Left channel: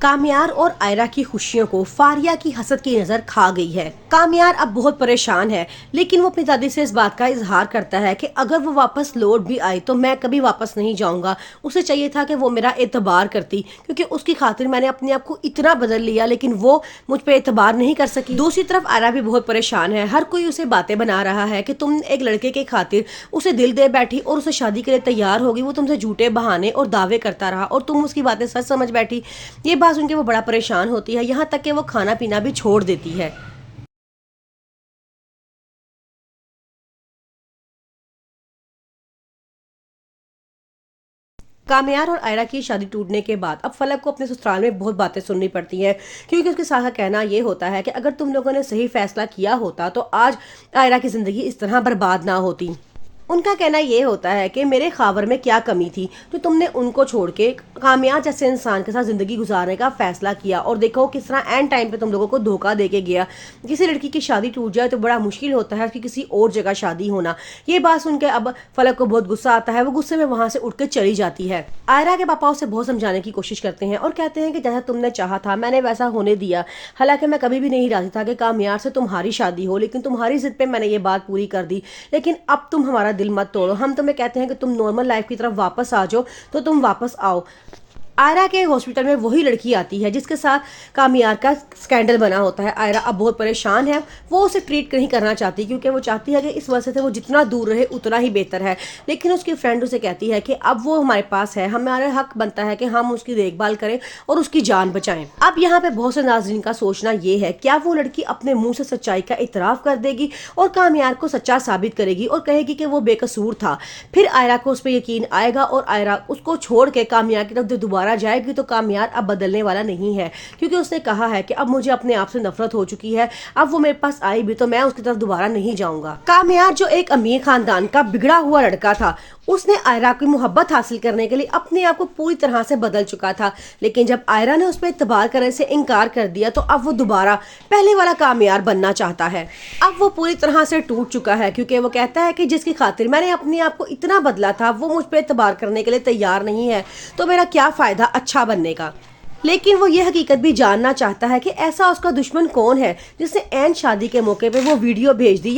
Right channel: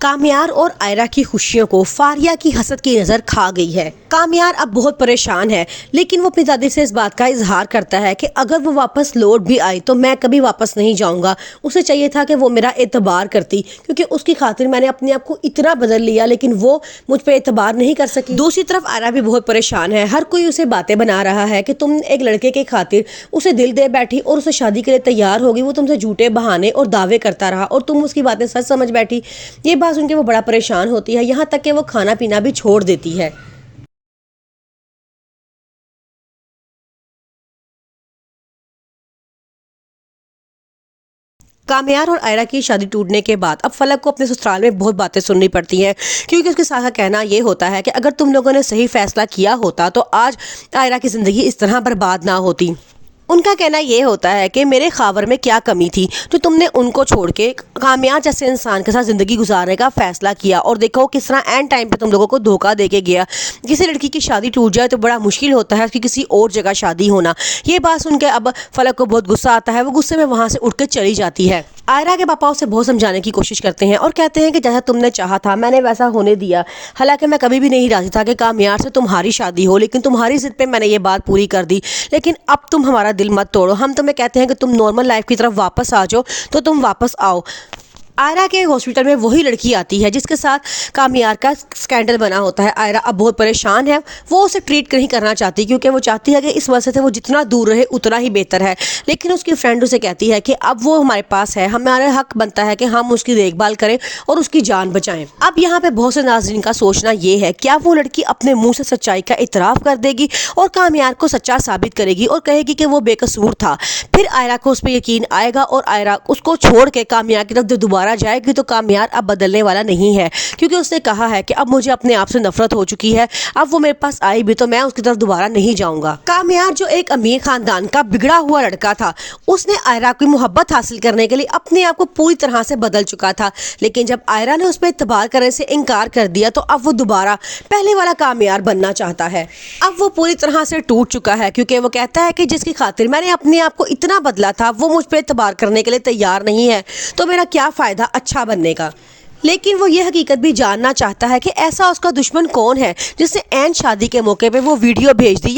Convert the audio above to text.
कामयार और आयरा की खुशियों को फारिया की हसद की नजर खा गई है। कामयार अब बहुत परेशान है, लेकिन वो अपनी दादी से इस बात का इजहार करता है कि अगर वो वापस लौट भी आई तो मैं कभी वापस नहीं जाऊंगा। उसे चाहिए था कि वो मेरा एतबार करती, क्योंकि उसकी खातिर मैंने अपने आप को इतना बदल लिया, लेकिन वो मुझ पर एतबार नहीं कर सकी। दूसरी तरफ आयरा भी बहुत परेशान है। हर कोई उसे बातें बना रहा है कि तुम एक लड़के के खातिर उसे दिल दे बैठी और उसे शादी के लिए तैयार होगी। वो तुमसे झूठे बहाने और दावे करता रहा और तुम उसकी बातें सच समझ बैठी। ये बात सुन के वो बड़ा परेशान होती है, यहाँ तक कि वो खाना पीना भी छोड़ देती है। कामयार और आयरा की शादी टूटने के बाद अब फलक को अपने ससुराल में बहुत बातें सुननी पड़ती हैं, क्योंकि उसके साथ कहना ये होता है कि अगर तुम लोगों ने सही फैसला किया होता तो आज आयरा की जिंदगी इस तरह बर्बाद ना होती। उनका कहना ये होता है कि मेरे खावर में क्या कमी थी जो तुमने उनको छोड़ के कामयाब जैसे इंसान के साथ ज़िंदगी गुजारने का फैसला किया, और देखो किस तरह एंड टाइम पे तुम लोगों को धोखा दे के गया। किसी लड़की की शादी टूट जाए तो बड़ा मुश्किल होता है कि किसी और जगह शादी होना। ये बात सुन के अब फलक को बहुत गुस्सा आता है। वो गुस्से में वहाँ से उठ के चली जाती है। आयरा के पापा उसे बहुत समझाने की कोशिश करते हैं और कहते हैं कि जैसा तुमने चाहा था मैंने वैसा होने दिया। हालांकि मैं कभी भी नहीं राजी था कि कामयाब से तुम्हारी शादी हो, लेकिन तुम्हारी जिद पे मैंने ये बात पूरी कर दी। लेकिन अब तुम हमारा दिल मत तोड़ो। हम तुम्हें कहते हैं कि तुम नॉर्मल लाइफ की तरफ वापस आ जाओ, तो तुम वापस आओ। आयरा के हॉस्पिटल में वही लड़की आती है जिसके साथ कामयार का स्कैंडल बना होता है। आयरा अब बहुत परेशान है। वो उसे ट्रीट नहीं करना चाहती, क्योंकि वो चाहती है कि इस वजह से वो जितना दूर रहे उतना ही बेहतर है। लेकिन उसकी फ्रेंड उसे कहती है कि अब वो हमारे पास है, हमारा हक बनता है कि हम उसकी देखभाल करें और उसकी जान बचाएं। अब यहाँ पे बहुत से नाज़रीन का सोचना ये है, क्या वो लड़की अपने मुंह से सच्चाई का इतराफ़ कर देगी और कामयार को सच्चा साबित करेगी और कहेगी कि वो बेकसूर था। फिर आयरा को उस पर यकीन आएगा और आयरा उसको छोड़ के कामयार की तरफ दोबारा जाएगी। तो कामयार अब बदलने वाला नहीं है, क्योंकि उसने कहा है कि अब मुझे अपने आप से नफरत हो चुकी है। अब वो मेरे पास आई भी तो मैं उसकी तरफ दोबारा नहीं जाऊंगा। कामयार जो एक अमीर खानदान का बिगड़ा हुआ लड़का था, उसने आयरा की मोहब्बत हासिल करने के लिए अपने आप को पूरी तरह से बदल चुका था। लेकिन जब आयरा ने उस पर इत्तेबार करने से इनकार कर दिया तो अब वो दोबारा पहले वाला कामयार बनना चाहता है। अब वो पूरी तरह से टूट चुका है, क्योंकि वो कहता है कि जिसकी खातिर मैंने अपने आप को इतना बदला था वो मुझ पर इत्तेबार करने के लिए तैयार नहीं है, तो मेरा क्या फायदा अच्छा बनने का। लेकिन वो ये हकीकत भी जानना चाहता है कि ऐसा उसका दुश्मन कौन है जिसने ऐन शादी के मौके पे वो वीडियो भेज दी।